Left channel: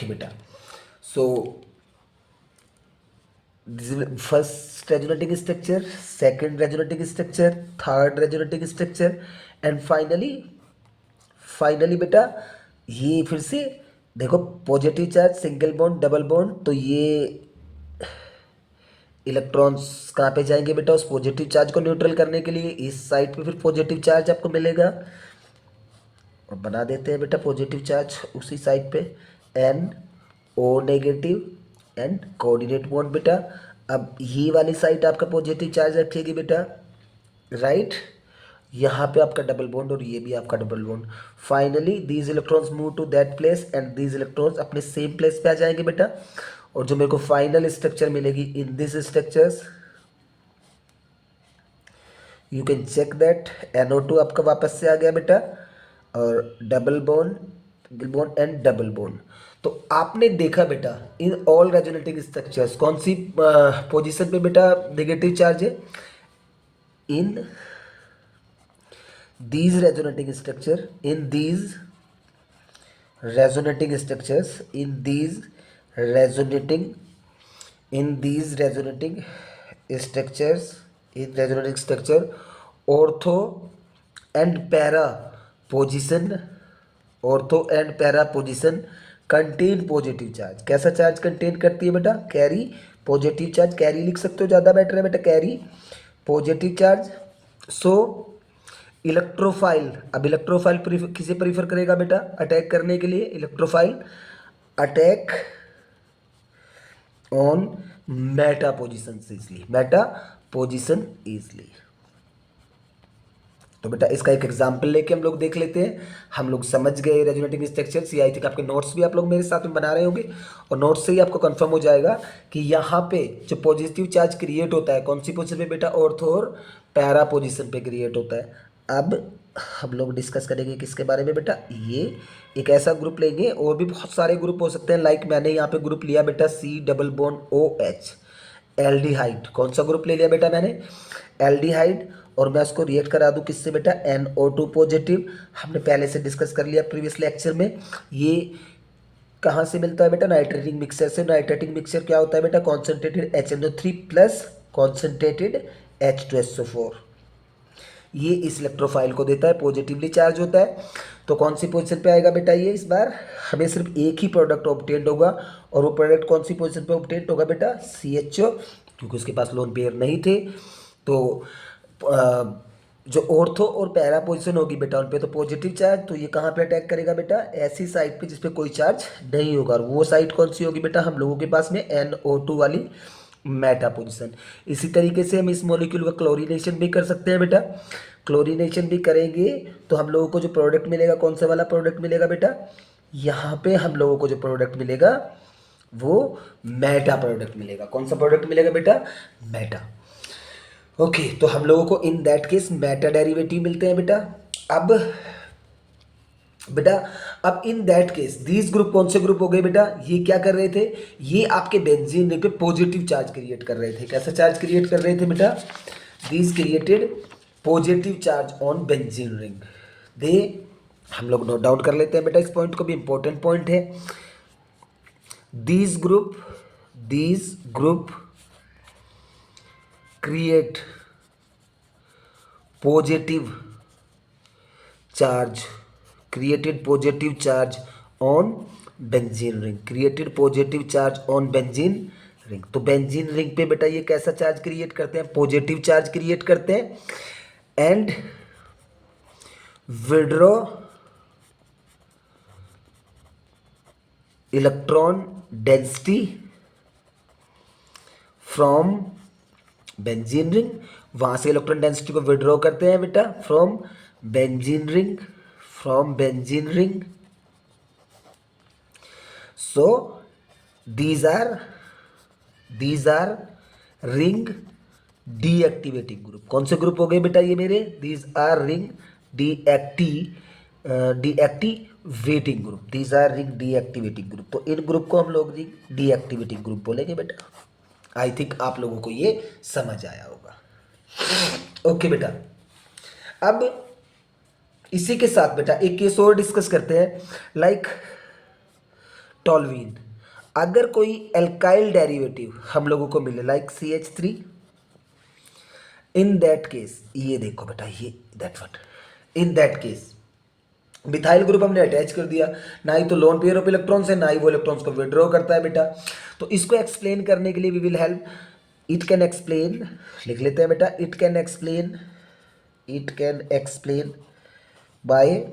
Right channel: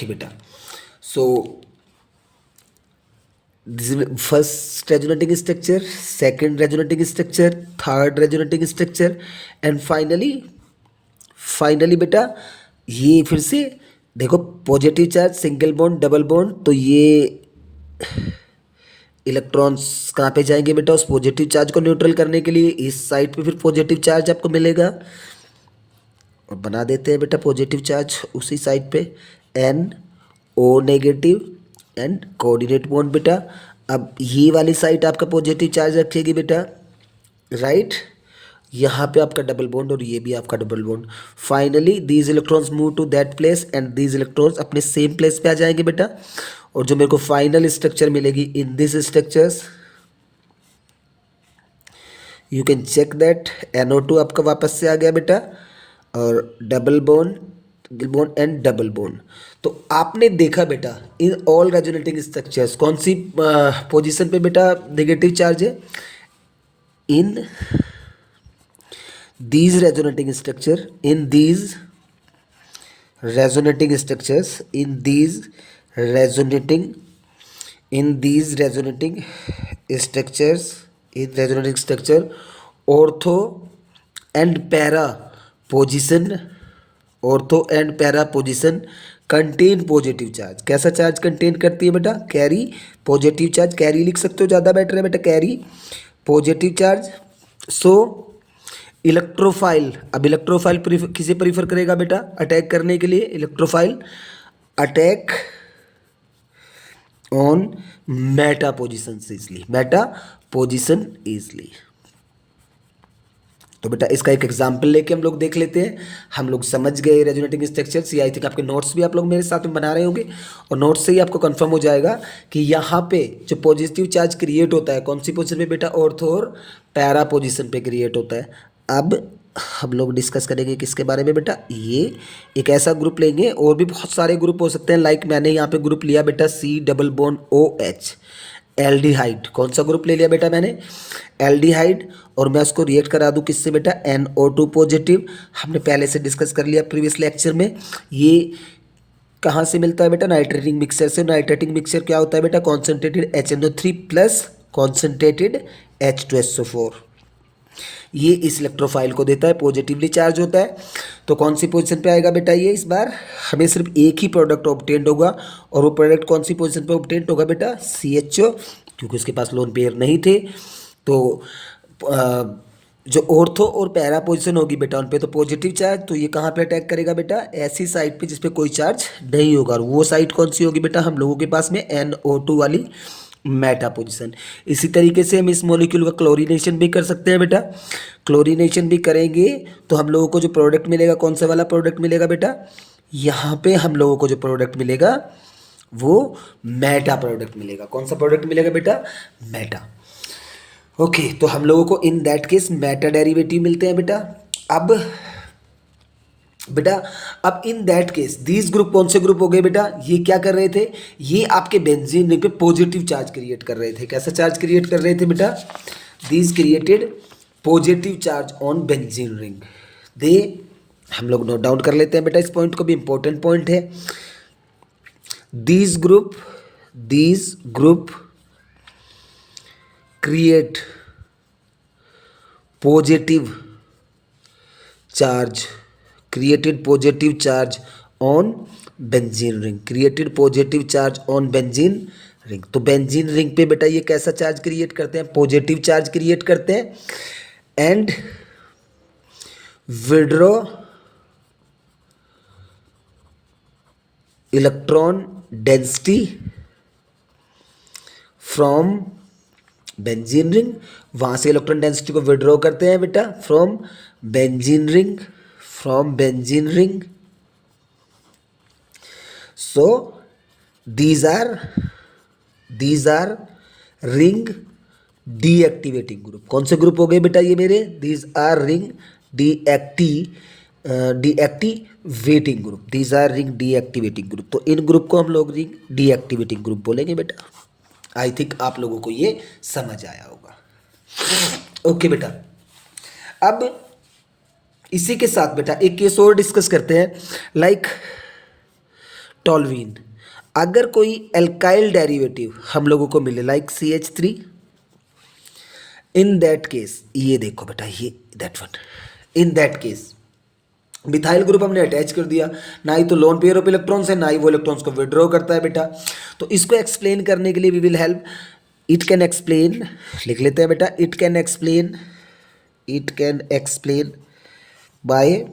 Okay बेटा, सो this is first resonating structure, second resonating structure, third resonating structure, and finally बेटा ये फिर से देखो, positive charge, single bond, double bond, तो ये इलेक्ट्रॉन्स कहाँ पे जाएंगे बेटा, उस पॉजिटिव चार्ज को न्यूट्रल करने के लिए इस साइड पे फिर पॉजिटिव चार्ज आपको मिलेगा, और बना देते हैं बेटा पॉजिटिव चार्ज उसी साइड पे, N O negative and coordinate bond बेटा। अब ये वाली साइड आपका पॉजिटिव चार्ज रखेगी बेटा, राइट, यहाँ पे आपका डबल बॉन्ड और ये भी आपका double bond. Finally these electrons move to that place and these electrons अपने सेम प्लेस पे आ जाएंगे बेटा, और जो मेरे को फाइनल स्ट्रक्चर मिलेगी in this structures, you can check that NO2 आपका वापस से आ गया बेटा, और double bond, single bond and double bond. तो आपने देखा बेटा इन ऑल रेजोनेटिंग स्ट्रक्चर्स कौन सी पोजीशन पे बेटा नेगेटिव चार्ज है, इन these resonating structure, in these resonating structures, in these resonating structures, in resonating structure, ortho and para position, ortho and para position contain positive charge. कैसा charge contain करती है बेटा, carry positive charge, carry लिख सकते हो, ज़्यादा better है बेटा, कैरी पॉजिटिव चार्ज। सो इलेक्ट्रोफाइल, अब इलेक्ट्रोफाइल किसे प्रीफर करेगा बेटा अटैक करने के लिए, electrophile attack on Meta position easily, Meta position easily. तो बेटा इसका एक एग्जाम्पल लेके हम लोग देख लेते हैं, हम लोग समझ गए रेजोनेटिंग स्ट्रक्चर्स। ये आई थिंक आपके नोट्स भी आप लोग मेरे साथ में बना रहे होंगे, और नोट्स से ही आपको कंफर्म हो जाएगा कि यहाँ पे जो पॉजिटिव चार्ज क्रिएट होता है कौन सी पोजीशन पे बेटा, ऑर्थो और पैरा पोजीशन पे क्रिएट होता है। अब हम लोग डिस्कस करेंगे किसके बारे में बेटा, ये एक ऐसा ग्रुप लेंगे, और भी बहुत सारे ग्रुप हो सकते हैं, लाइक मैंने यहाँ पे ग्रुप लिया बेटा C double bond OH, aldehyde. कौन सा ग्रुप ले लिया बेटा मैंने, एल्डिहाइड, और मैं उसको रिएक्ट करा दूँ किससे बेटा, NO2 पॉजिटिव। हमने पहले से डिस्कस कर लिया प्रीवियस लेक्चर में। ये कहाँ से मिलता है बेटा, नाइट्रेटिंग मिक्सचर से। नाइट्रेटिंग मिक्सचर क्या होता है बेटा, concentrated HNO3 plus concentrated H2SO4। ये इस इलेक्ट्रोफाइल को देता है, पॉजिटिवली चार्ज होता है। तो कौन सी पोजीशन पे आएगा बेटा ये, इस बार हमें सिर्फ एक ही प्रोडक्ट ऑब्टेन्ड होगा, और वो प्रोडक्ट कौन सी पोजीशन पे ऑब्टेन्ड होगा बेटा, CHO, क्योंकि उसके पास लोन पेयर नहीं थे। तो जो ऑर्थो और पैरा पोजीशन होगी बेटा उन पे तो पॉजिटिव चार्ज, तो ये कहाँ पे अटैक करेगा बेटा, ऐसी साइड पे जिसपे कोई चार्ज नहीं होगा, और वो साइड कौन सी होगी बेटा हम लोगों के पास में, NO2 वाली मेटा पोजीशन। इसी तरीके से हम इस मॉलिक्यूल का क्लोरीनेशन भी कर सकते हैं बेटा। क्लोरीनेशन भी करेंगे तो हम लोगों को जो प्रोडक्ट मिलेगा, कौन सा वाला प्रोडक्ट मिलेगा बेटा, यहाँ पे हम लोगों को जो प्रोडक्ट मिलेगा वो मेटा प्रोडक्ट मिलेगा। कौन सा प्रोडक्ट मिलेगा बेटा, मेटा। ओके, तो हम लोगों को इन दैट केस मेटा डेरिवेटिव मिलते हैं बेटा। अब इन दैट केस दीज ग्रुप कौन से ग्रुप हो गए बेटा, ये क्या कर रहे थे, ये आपके बेंजीन रिंग पे पॉजिटिव चार्ज क्रिएट कर रहे थे। कैसा चार्ज क्रिएट कर रहे थे बेटा, these created positive charge on benzene ring. दे हम लोग नोट डाउन कर लेते हैं बेटा, इस पॉइंट को भी इंपॉर्टेंट पॉइंट है। These group create positive charge, created positive charge on benzene ring, created positive charge on benzene ring। तो बेंजीन रिंग पे बेटा ये कैसा चार्ज क्रिएट करते हैं, पॉजिटिव चार्ज क्रिएट करते हैं, and withdraw electron density from benzene ring. वहां से इलेक्ट्रॉन डेंसिटी को विड्रॉ करते हैं बेटा from benzene ring, from benzene ring। So these are ring deactivating group। कौन से ग्रुप हो गए बेटा ये मेरे, these are ring deactivating group, these are ring deactivating group। तो इन ग्रुप को हम लोग ring deactivating group बोलेंगे बेटा। आई थिंक आप लोगों को ये समझ आया होगा। ओके बेटा, अब इसी के साथ बेटा एक केस और डिस्कस करते हैं, लाइक टॉल्वीन, अगर कोई एल्काइल डेरिवेटिव हम लोगों को मिले like CH3, in that case, ये देखो बेटा, ये that one, in that case methyl group हमने अटैच कर दिया, ना ही तो लोन पेयर ऑफ इलेक्ट्रॉन्स है, ना ही वो इलेक्ट्रॉन्स को विड्रॉ करता है बेटा। तो इसको एक्सप्लेन करने के लिए we will help, it can explain, लिख लेते हैं बेटा, it can explain by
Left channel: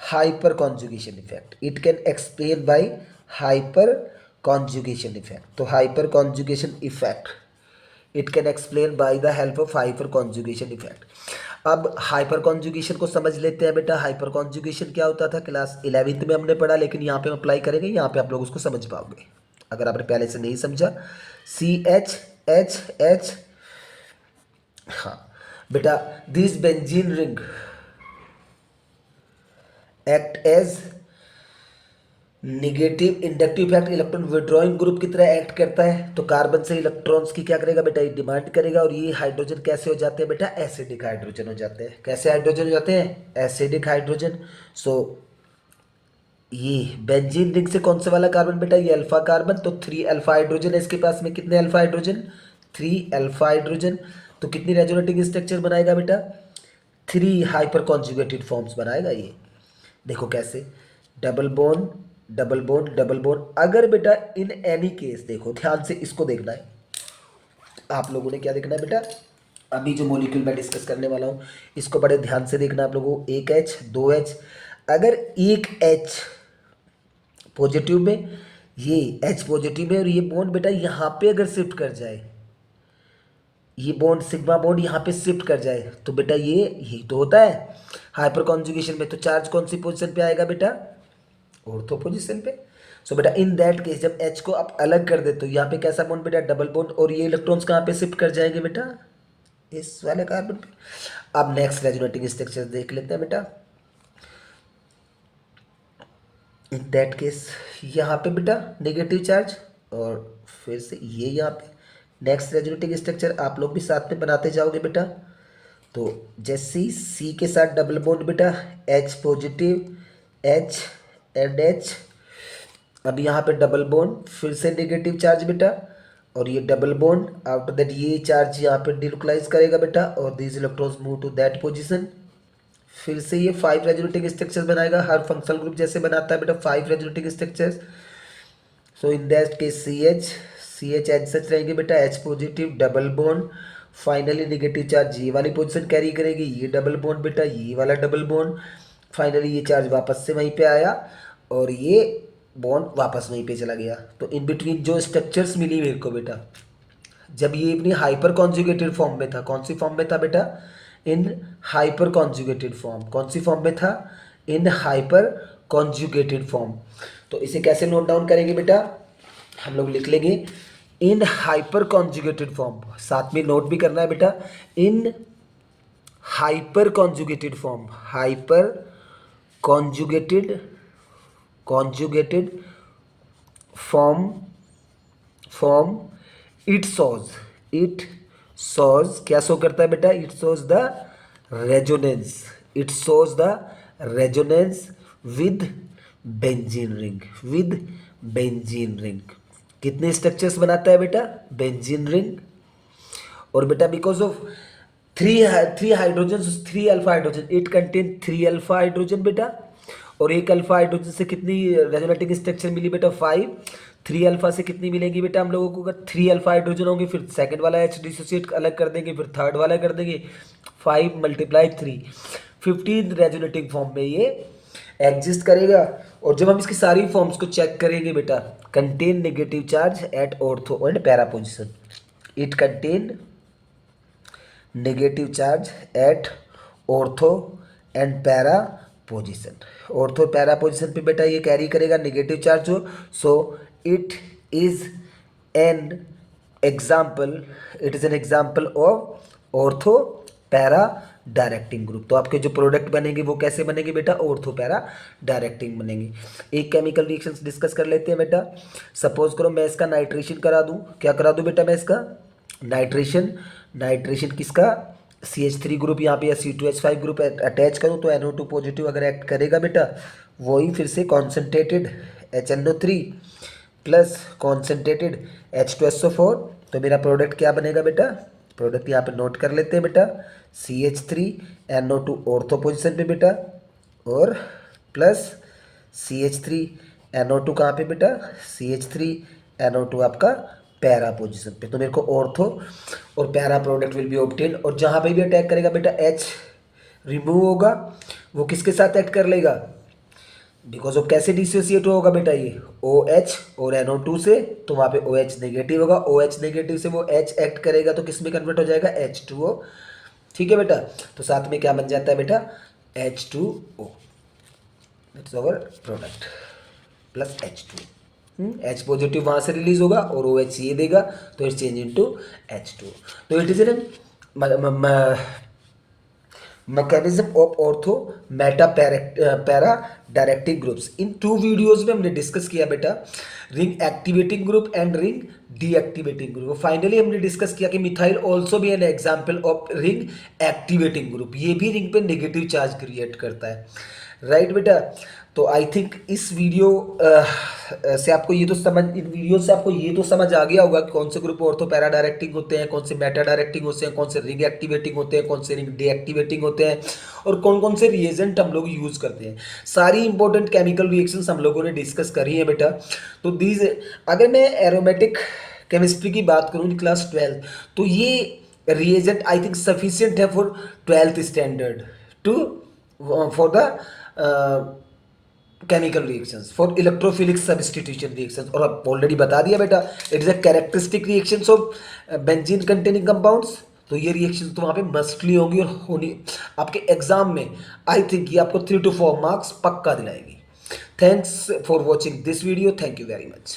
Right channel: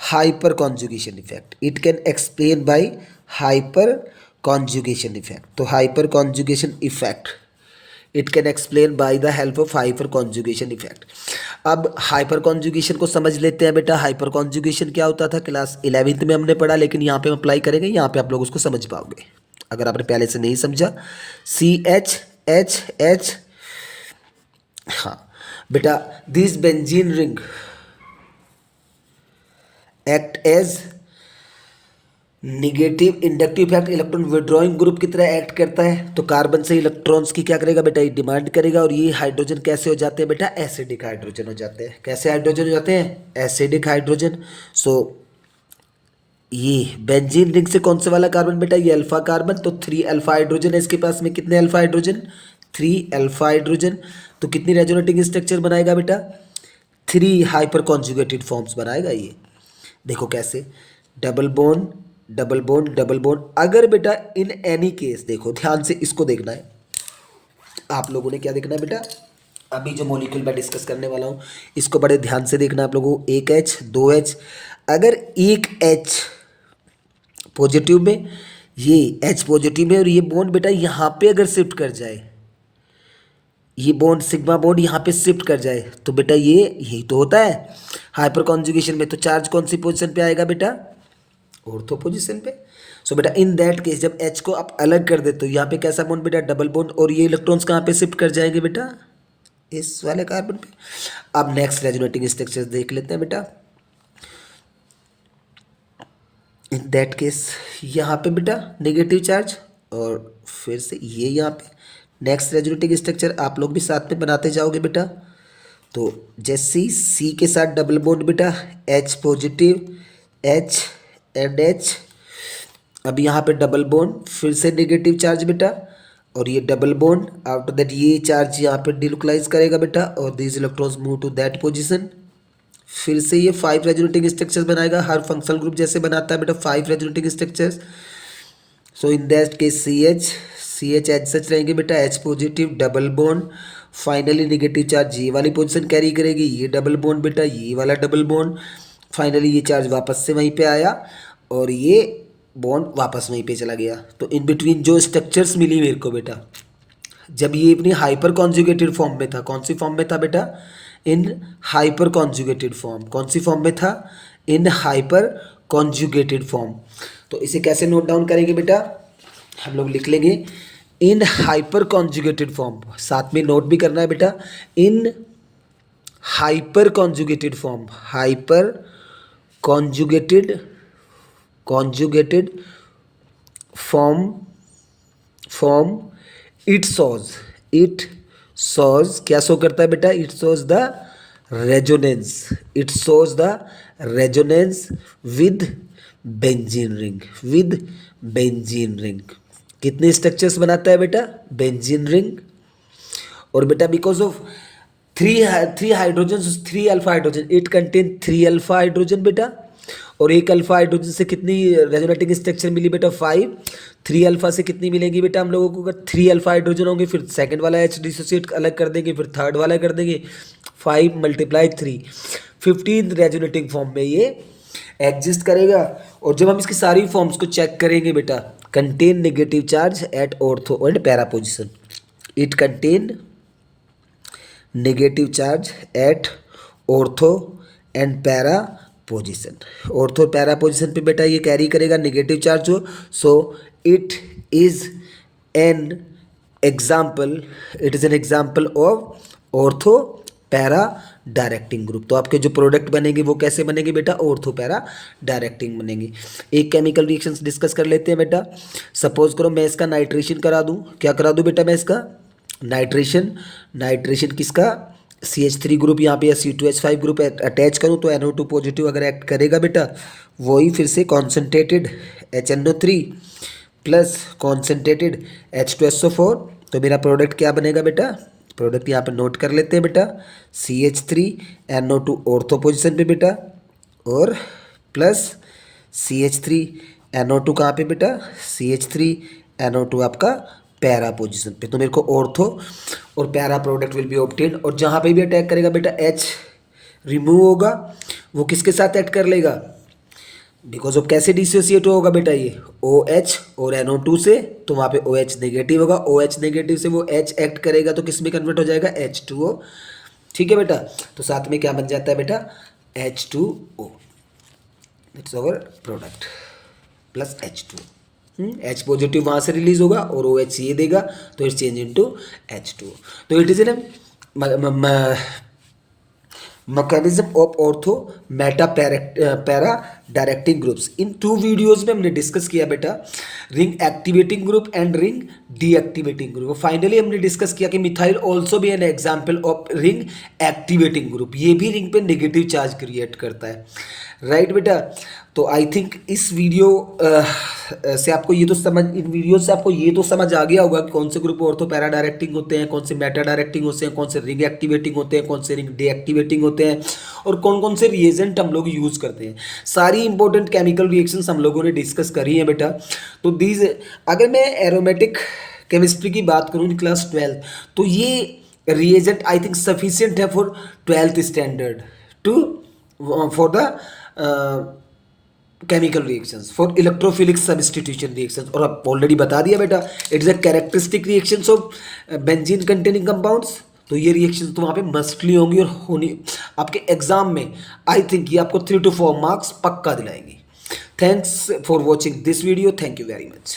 hyperconjugation effect, it can explain by hyperconjugation effect. तो hyperconjugation effect it can explain by the help of hyperconjugation effect. अब hyperconjugation को समझ लेते हैं बेटा। हाइपर कॉन्जुगेशन क्या होता था, क्लास 11th में हमने पढ़ा, लेकिन यहाँ पे हम अप्लाई करेंगे, यहाँ पे आप लोग उसको समझ पाओगे अगर आपने पहले से नहीं समझा। CH, हाँ बेटा, this benzene ring act as negative inductive effect, electron withdrawing group की तरह एक्ट करता है। तो कार्बन से इलेक्ट्रॉन्स की क्या करेगा बेटा, ये डिमांड करेगा, और ये हाइड्रोजन कैसे हो जाते हैं बेटा, एसिडिक हाइड्रोजन हो जाते हैं। कैसे हाइड्रोजन हो जाते हैं, एसिडिक हाइड्रोजन। सो ये बेंजीन रिंग से कौन से वाला कार्बन बेटा, ये अल्फा कार्बन, तो 3 अल्फा हाइड्रोजन है इसके पास में। कितने अल्फा हाइड्रोजन, 3 अल्फा हाइड्रोजन। तो कितनी रेजोनेटिंग स्ट्रक्चर बनाएगा बेटा, 3 हाइपर कॉन्जुगेटेड फॉर्म्स बनाएगा ये। देखो कैसे, double bond double bond double bond. अगर बेटा इन एनी केस, देखो ध्यान से इसको देखना है आप लोगों ने, क्या देखना है बेटा, अभी जो मॉलिक्यूल मैं डिस्कस करने वाला हूँ इसको बड़े ध्यान से देखना है आप लोगों को। 1H 2H, अगर एक H पॉजिटिव में, ये H पॉजिटिव में, और ये बॉन्ड बेटा यहाँ पे अगर शिफ्ट कर जाए, ये बॉन्ड सिग्मा बॉन्ड यहाँ पे शिफ्ट कर जाए, तो बेटा ये यही तो होता है हाइपर कॉन्जुगेशन में। तो चार्ज कौन सी पोजीशन पे आएगा बेटा, ऑर्थो पोजीशन पे। सो बेटा इन दैट केस जब H को आप अलग कर दे तो यहाँ पे कैसा बॉन्ड बेटा, डबल बॉन्ड, और ये इलेक्ट्रॉन्स कहाँ पे शिफ्ट कर जाएंगे बेटा, इस वाले कार्बन पे। अब नेक्स्ट रेजोनेटिंग स्ट्रक्चर देख लेते हैं बेटा। इन दैट केस यहाँ पे बेटा नेगेटिव चार्ज, और फिर से ये यहाँ पे नेक्स्ट रेजोनेटिंग स्ट्रक्चर आप लोग भी साथ में बनाते जाओगे बेटा। तो जैसे C के साथ डबल बॉन्ड बेटा, H positive, H and H, अब यहाँ पे डबल बॉन्ड, फिर से नेगेटिव चार्ज बेटा, और ये डबल बॉन्ड, आफ्टर दैट ये चार्ज यहाँ पे डिलोकलाइज करेगा बेटा, और this electrons move to that position. फिर से ये 5 रेजोनेटिंग स्ट्रक्चर्स बनाएगा, हर फंक्शनल ग्रुप जैसे बनाता है बेटा 5 resonating structures. So in that case CH H सच रहेंगे बेटा, H positive, double bond, finally negative charge ये वाली पोजीशन कैरी करेगी, ये डबल बॉन्ड बेटा, ये वाला डबल बॉन्ड, फाइनली ये चार्ज वापस से वहीं पे आया, और ये बॉन्ड वापस वहीं पे चला गया। तो इन बिटवीन जो स्ट्रक्चर्स मिली मेरे को बेटा, जब ये अपनी हाइपर कॉन्जुगेटेड फॉर्म में था, कौन सी फॉर्म में था बेटा, इन हाइपर कॉन्जुगेटेड फॉर्म। कौन सी फॉर्म में था, इन हाइपर कॉन्जुगेटेड फॉर्म। तो इसे कैसे नोट डाउन करेंगे बेटा, हम लोग लिख लेंगे इन हाइपर कॉन्जुगेटेड फॉर्म, साथ में नोट भी करना है बेटा, in hyperconjugated form, hyperconjugated form it shows क्या शो करता है बेटा, it shows the resonance, it shows the resonance with benzene ring. कितने स्ट्रक्चर्स बनाता है बेटा, बेंजीन रिंग। और बेटा because of three hydrogen, 3 alpha hydrogen, it contain 3 alpha hydrogen बेटा, और एक अल्फा हाइड्रोजन से कितनी रेजोनेटिंग स्ट्रक्चर मिली बेटा, 5। 3 अल्फा से कितनी मिलेंगी बेटा हम लोगों को, अगर 3 अल्फा हाइड्रोजन होंगे, फिर सेकंड वाला H डिसोसिएट अलग कर देंगे, फिर थर्ड वाला कर देंगे, 5 × 3 15 रेजोनेटिंग फॉर्म में ये एग्जिस्ट करेगा। और जब हम इसकी सारी फॉर्म्स को चेक करेंगे बेटा, contain negative charge at ortho and para position, it contain negative charge at ortho and para position. Ortho para position पे बेटा ये कैरी करेगा नेगेटिव चार्ज हो। So it is an example of ortho para directing group. तो आपके जो product बनेंगे वो कैसे बनेंगे बेटा, ऑर्थो पैरा डायरेक्टिंग बनेंगे। एक केमिकल रिएक्शंस डिस्कस कर लेते हैं बेटा। सपोज करो मैं इसका नाइट्रेशन करा दूं, क्या करा दूं बेटा मैं इसका नाइट्रेशन किसका, CH3 ग्रुप यहाँ पे या C2H5 ग्रुप अटैच करूँ तो NO2 पॉजिटिव अगर एक्ट करेगा बेटा, वही फिर से concentrated HNO3 plus concentrated H2SO4, तो मेरा प्रोडक्ट क्या बनेगा बेटा, प्रोडक्ट यहाँ पे नोट कर लेते हैं बेटा, CH3NO2 ऑर्थो पोजिशन पे बेटा, और प्लस CH3NO2 कहाँ पे बेटा, CH3NO2 आपका पैरा पोजीशन पे। तो मेरे को ऑर्थो और para product will be obtain, और जहाँ पे भी अटैक करेगा बेटा H रिमूव होगा, वो किसके साथ ऐड कर लेगा, बिकॉज ऑफ कैसे डिसोसिएट होगा बेटा ये OH और NO2 से, तो वहाँ पे OH नेगेटिव होगा, OH नेगेटिव से वो H एक्ट करेगा तो किस में कन्वर्ट हो जाएगा, H2O। ठीक है बेटा, तो साथ में क्या बन जाता है बेटा, H2O, that's our product plus H2। H positive वहाँ से रिलीज होगा और OH ये देगा, तो इट्स चेंज इनटू H2। तो it is an mechanism of ortho Meta para directing groups. In 2 videos में हमने डिस्कस किया बेटा ring activating group and ring deactivating group. Finally हमने डिस्कस किया कि मिथाइल ऑल्सो भी an example of ring activating group, ये भी रिंग पे नेगेटिव चार्ज क्रिएट करता है, राइट बेटा। तो आई थिंक इस वीडियो से आपको ये तो समझ, इन वीडियो से आपको ये तो समझ आ गया होगा कि कौन से ग्रुप ऑर्थो पैरा डायरेक्टिंग होते हैं, कौन से मेटा डायरेक्टिंग होते हैं, कौन से रिंग एक्टिवेटिंग होते हैं, कौन से रिंग डीएक्टिवेटिंग होते हैं, और कौन कौन से रिएजेंट हम लोग यूज़ करते हैं। सारी इंपॉर्टेंट केमिकल रिएक्शंस हम लोगों ने डिस्कस करी है बेटा। तो दीज, अगर मैं एरोमेटिक केमिस्ट्री की बात करूँ इन क्लास 12, तो ये रिएजेंट आई थिंक सफिशियंट है for 12th standard too for the chemical reactions, for electrophilic substitution reactions. और अब ऑलरेडी बता दिया बेटा, it is a characteristic reactions of benzene containing compounds. तो ये रिएक्शंस तो वहाँ पे मस्टली होंगी और होनी आपके एग्जाम में, आई थिंक ये आपको 3 to 4 मार्क्स पक्का दिलाएंगी। Thanks for watching this video, thank you very much.